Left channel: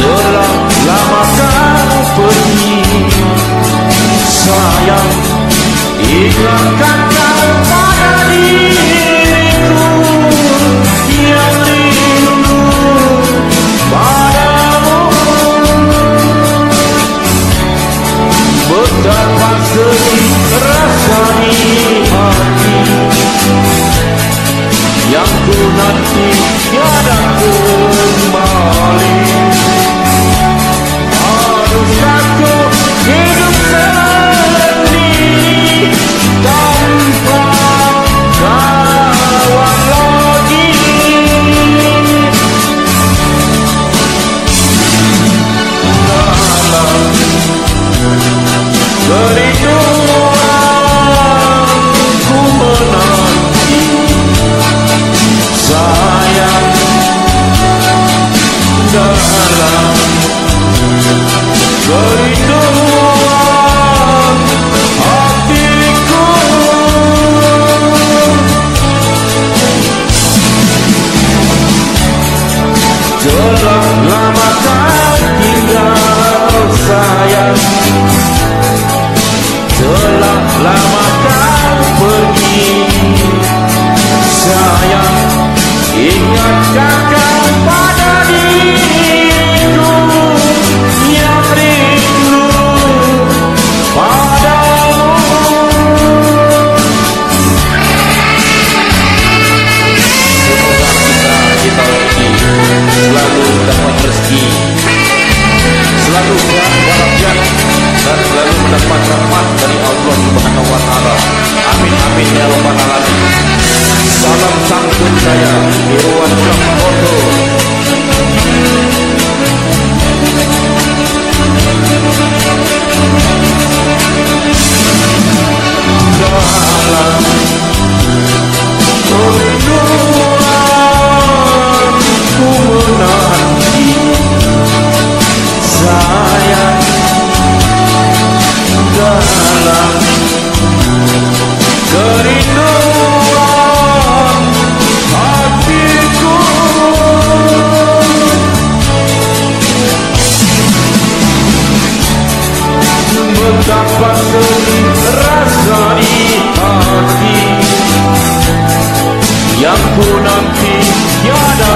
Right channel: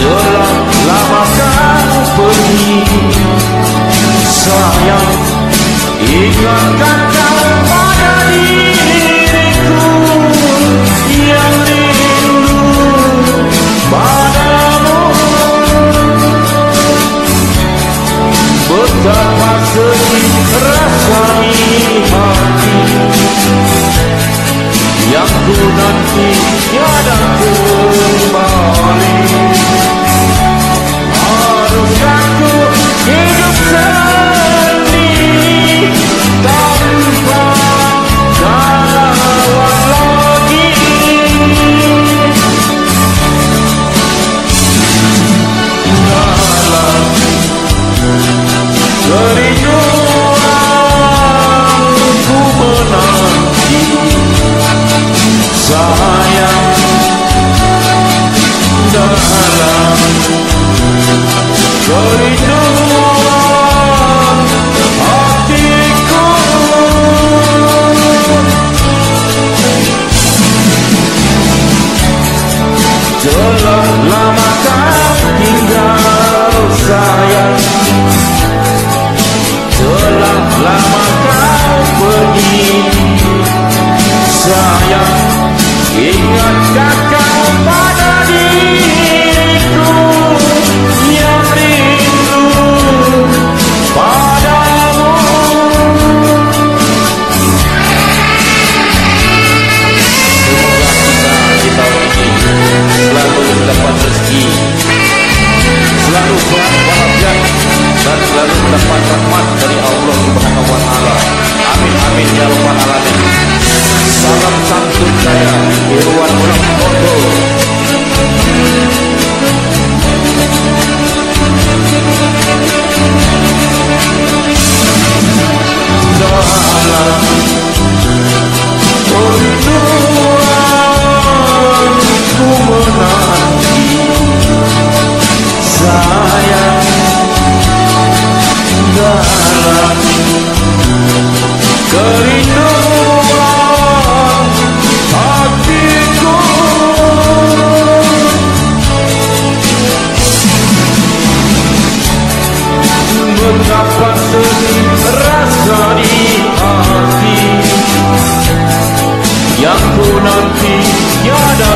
Telah lama kau pergi, sayang, ingatkan kau pada diriku yang rindu padamu. Betapa sedih rasa di hati yang ku nanti tiada kembali. Haruskah ku hidup sendiri tanpa kawan lagi? Dalam kerinduan ku menanti, sayang, dalam kerinduan hatiku. Telah lama kau tinggal, sayang, telah lama kau pergi, sayang, ingatkah kau pada diriku yang rindu padamu? Semoga kita di tahun ini selalu mendapat rezeki, selalu sehat walafiat, dan selalu mendapat rahmat dari Allah Subhanahu wa Ta'ala. Amin amin ya rabbal alamin. Salam santun saya Irwan Ulam Koto. Dalam kerinduan ku menanti, sayang, dalam kerinduan hatiku. Betapa sedih rasa di hati yang ku nanti tiada